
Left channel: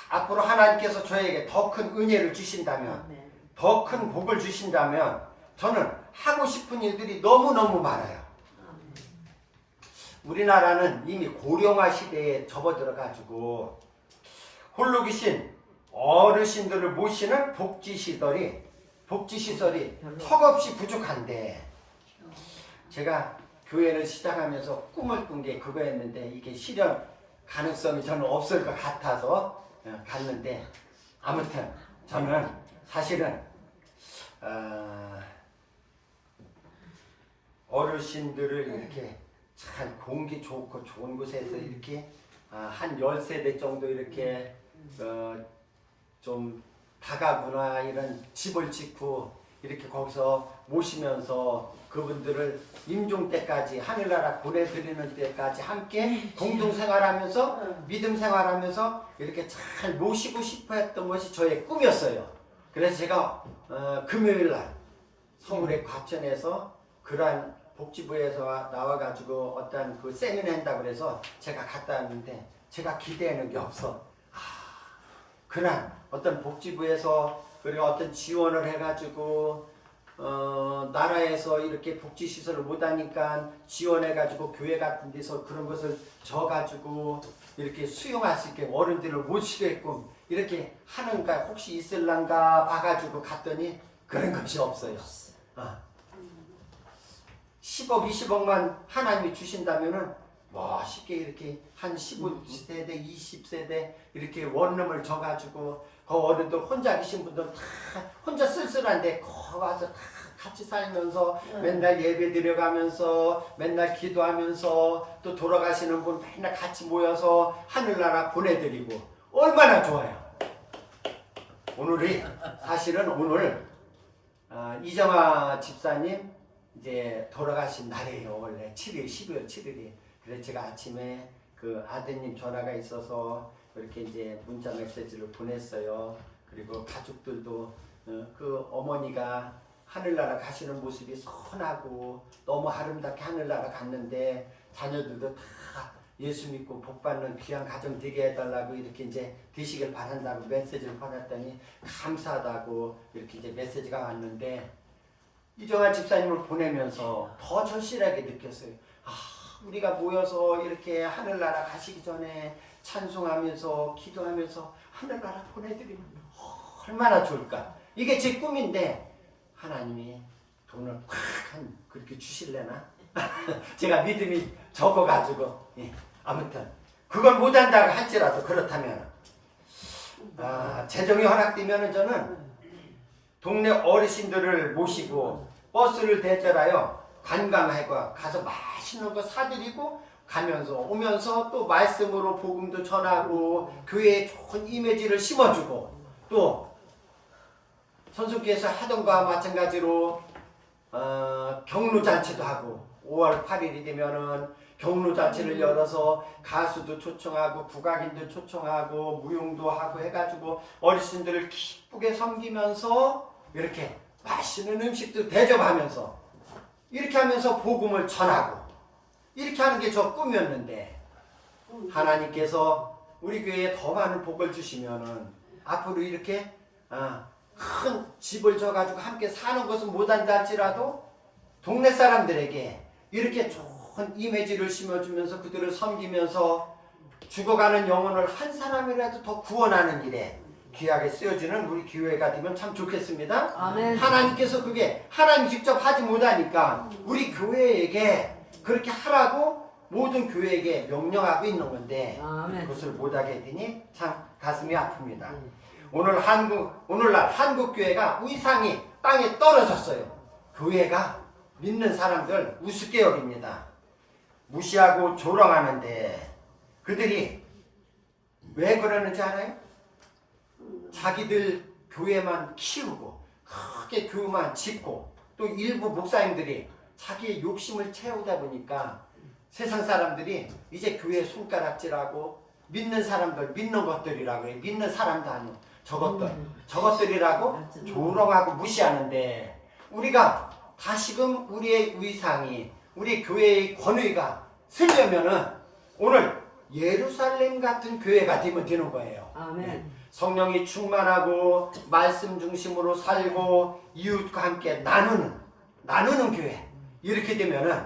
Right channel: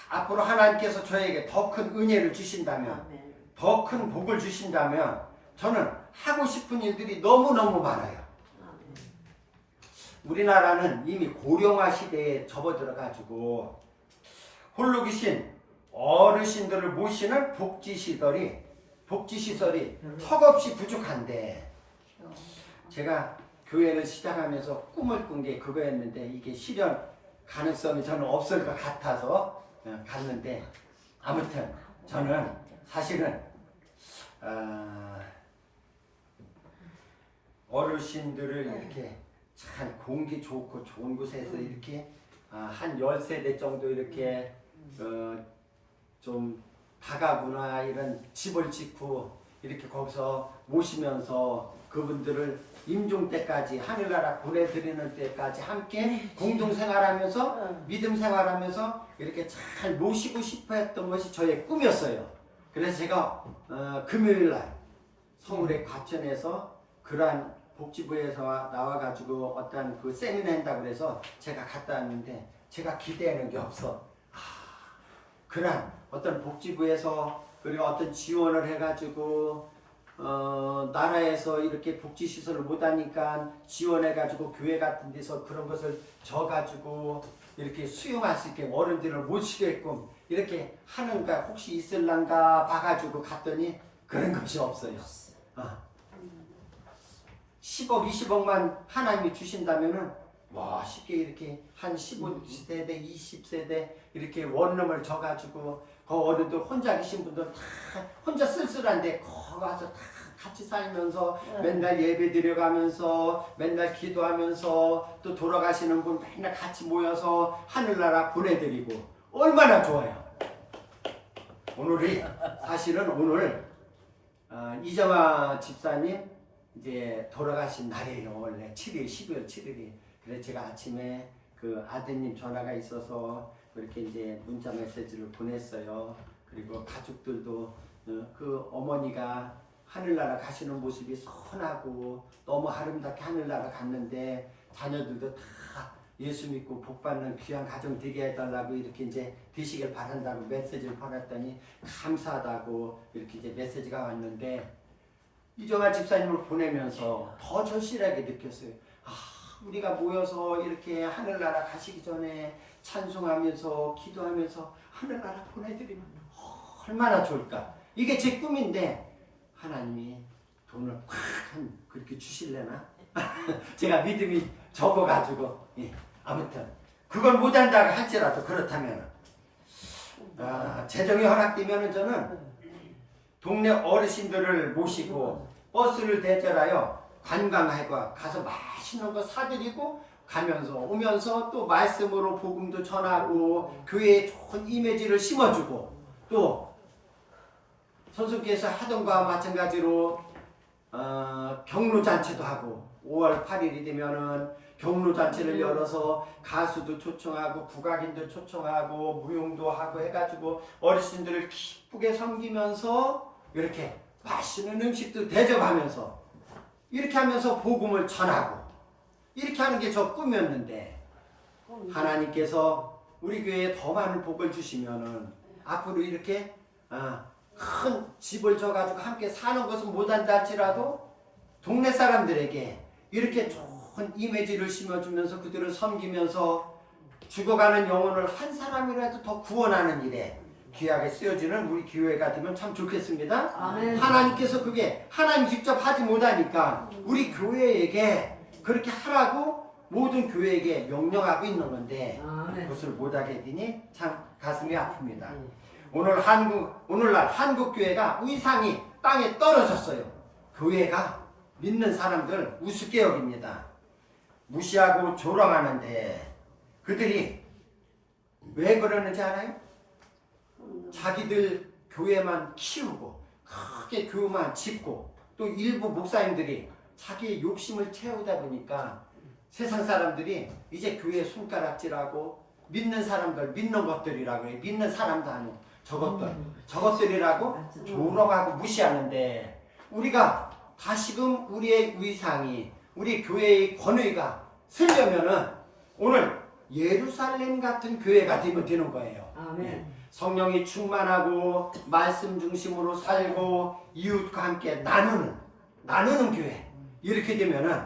앞으로 하나님께서 저에게 더 큰 은혜를 주신다면, 더 큰 복을 주신다면 저는 하고 싶은 일들이 너무너무 많아요. 우리나라는 이미 고령화 시대에 접어들어가지고 홀로 계신 어르신들을 모시는 복지시설이 턱없이 부족한데, 제가 교회를 시작하면서 꿈을 꾼 게 그거였는데 이게 실현 가능성이 저는 없을 것 같아서 갔는데, 아무튼 저는 사실은 어르신들을 이렇게 잘 공기 좋고 좋은 곳에서 이렇게 한 10세대 정도 이렇게 좀 다가구나 이런 집을 짓고 이렇게 거기서 모시면서 그분들을 임종 때까지 하늘나라 보내드리는 때까지 함께 공동생활하면서 믿음 생활하면서 이렇게 잘 모시고 싶어 했던 것이 저의 꿈이었어요. 그래서 제가 금요일날 서울의 과천에서 그러한 복지부에서 나와가지고 어떤 그 세미나 한다고 그래서 제가 갔다 왔는데, 제가 기대하는 게 없어. 그러한 어떤 복지부에서 그리고 어떤 지원을 해가지고 나라에서 이렇게 복지시설을 못하니까 지원해가지고 교회 같은 데서 그런 것을 져가지고 이렇게 수용할 수 있게 어른들을 모시게끔 이렇게 하는가 혹시 있을란가 봐가지고 갔더니 그런 것이 없어요. 10억 20억만 하나님이 주신다면은 뭐 쉽게 이렇게 한 15세대 20세대 이렇게 원룸을 져가지고 그 어른들 혼자 계신 분들 다 혼자 쓸쓸한데 거기 와서 다 같이 살면서 맨날 예배 드려가면서 맨날 기도하면서 또 돌아가시는 분 맨날 같이 모여서 하늘나라 보내드리고 얼마나 좋아요. 사실은 오늘 이정아 집사님 이제 돌아가신 날이에요. 원래 7일 12월 7일이. 그래서 제가 아침에 그 아드님 전화가 있어서 이렇게 이제 문자 메시지를 보냈어요. 그리고 가족들도 그 어머니가 하늘나라 가시는 모습이 선하고 너무 아름답게 하늘나라 갔는데 자녀들도 다 예수 믿고 복받는 귀한 가정 되게 해달라고 이렇게 이제 되시길 바란다고 메시지를 보냈더니 감사하다고 이렇게 이제 메시지가 왔는데, 이정아 집사님을 보내면서 더 절실하게 느꼈어요. 우리가 모여서 이렇게 하늘나라 가시기 전에 찬송하면서 기도하면서 하늘나라 보내드리면 얼마나 좋을까. 이게 제 꿈인데 하나님이 돈을 그렇게 주실래나? 제가 믿음이 적어가지고 아무튼 그걸 못한다고 할지라도 그렇다면 재정이 허락되면 저는 동네 어르신들을 모시고 버스를 대절하여 관광하고 가서 맛있는 거 사드리고 가면서 오면서 또 말씀으로 복음도 전하고 교회에 좋은 이미지를 심어주고 또 선수께서 하던 거와 마찬가지로 경로잔치도 하고 5월 8일이 되면은 경로잔치를 열어서 가수도 초청하고 국악인도 초청하고 무용도 하고 해가지고 어르신들을 기쁘게 섬기면서 이렇게 맛있는 음식도 대접하면서 이렇게 하면서 복음을 전하고 이렇게 하는 게 저 꿈이었는데 하나님께서 우리 교회에 더 많은 복을 주시면은 앞으로 이렇게 큰 집을 져가지고 함께 사는 것은 못한다 할지라도 동네 사람들에게 이렇게 좋은 이미지를 심어주면서 그들을 섬기면서 죽어가는 영혼을 한 사람이라도 더 구원하는 일에 귀하게 쓰여지는 우리 교회가 되면 참 좋겠습니다. 아멘. 하나님께서 그게 하나님 직접 하지 못하니까 우리 교회에게 그렇게 하라고 모든 교회에게 명령하고 있는 건데 아멘. 그것을 못하게 되니 참 가슴이 아픕니다. 오늘날 한국 교회가 위상이 땅에 떨어졌어요. 교회가 믿는 사람들 우습게 여깁니다. 무시하고 조롱하는데 그들이 왜 그러는지 알아요? 자기들 교회만 키우고 크게 교회만 짓고 또 일부 목사님들이 자기의 욕심을 채우다 보니까 세상 사람들이 이제 교회 손가락질하고 믿는 사람들 믿는 것들이라고 해요. 믿는 사람도 아니고 저것들이라고 조롱하고 무시하는데 우리가 다시금 우리의 위상이 우리 교회의 권위가 쓰려면은 오늘 예루살렘 같은 교회가 되면 되는 거예요. 아멘. 성령이 충만하고 말씀 중심으로 살고 이웃과 함께 나누는 교회 이렇게 되면은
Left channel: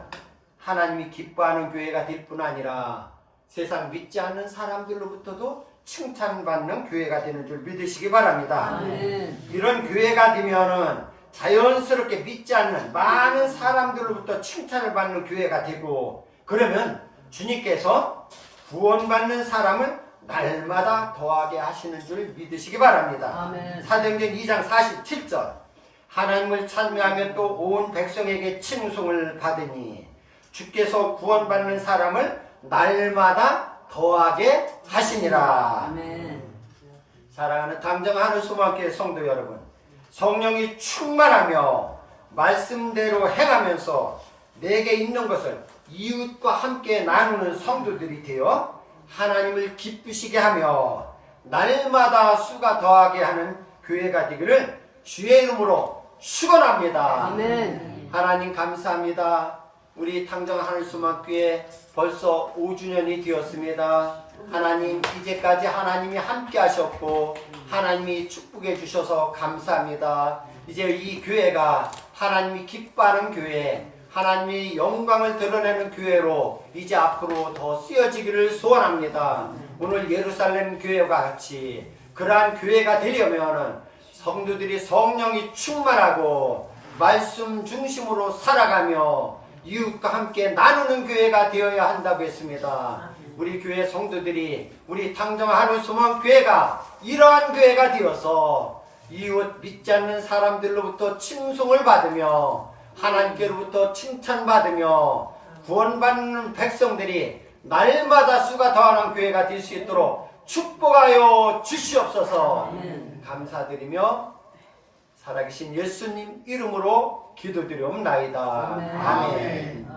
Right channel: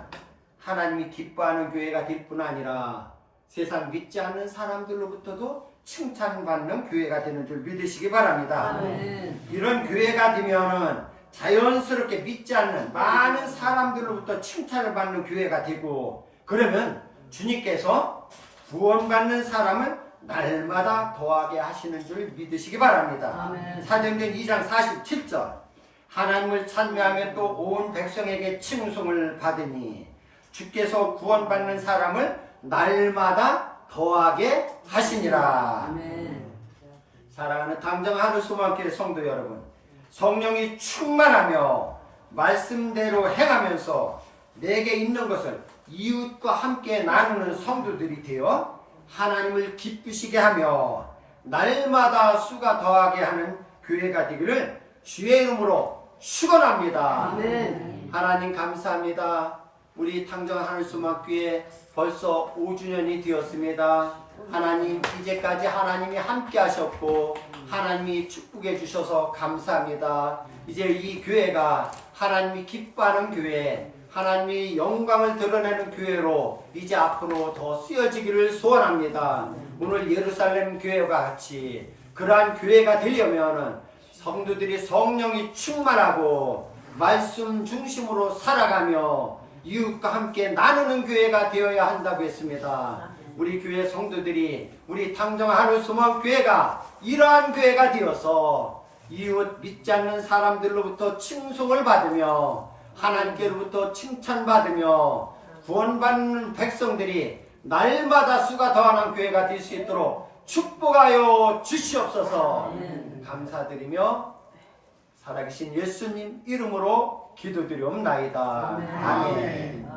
하나님이 기뻐하는 교회가 될 뿐 아니라 세상 믿지 않는 사람들로부터도 칭찬받는 교회가 되는 줄 믿으시기 바랍니다. 아멘. 이런 교회가 되면은 자연스럽게 믿지 않는 많은 사람들로부터 칭찬을 받는 교회가 되고 그러면 주님께서 구원받는 사람을 날마다 더하게 하시는 줄 믿으시기 바랍니다. 아멘. 사도행전 2장 47절 하나님을 찬미하며 또 온 백성에게 칭송을 받으니 주께서 구원받는 사람을 날마다 더하게 하시니라. 아멘. 사랑하는 당정하늘 소망교회 성도 여러분, 성령이 충만하며 말씀대로 행하면서 내게 있는 것을 이웃과 함께 나누는 성도들이 되어 하나님을 기쁘시게 하며 날마다 수가 더하게 하는 교회가 되기를 주의 이름으로 축원합니다. 아멘. 하나님 감사합니다. 우리 당정하늘소망교회 벌써 5주년이 되었습니다. 하나님 이제까지 하나님이 함께 하셨고 하나님이 축복해 주셔서 감사합니다. 이제 이 교회가 하나님이 기뻐하는 교회, 하나님의 영광을 드러내는 교회로 이제 앞으로 더 쓰여지기를 소원합니다. 오늘 예루살렘 교회와 같이 그러한 교회가 되려면 성도들이 성령이 충만하고 말씀 중심으로 살아가며 이웃과 함께 나누는 교회가 되어야 한다고 했습니다. 우리 교회 성도들이 우리 당정하늘소망교회가 이러한 교회가 되어서 이웃 믿지 않는 사람들로부터 칭송을 받으며 하나님께로부터 칭찬받으며 구원받는 백성들이 날마다 수가 더하는 교회가 될 수 있도록 축복하여 주시옵소서. 감사드리며 살아계신 예수님 이름으로 기도드리옵나이다. 아멘.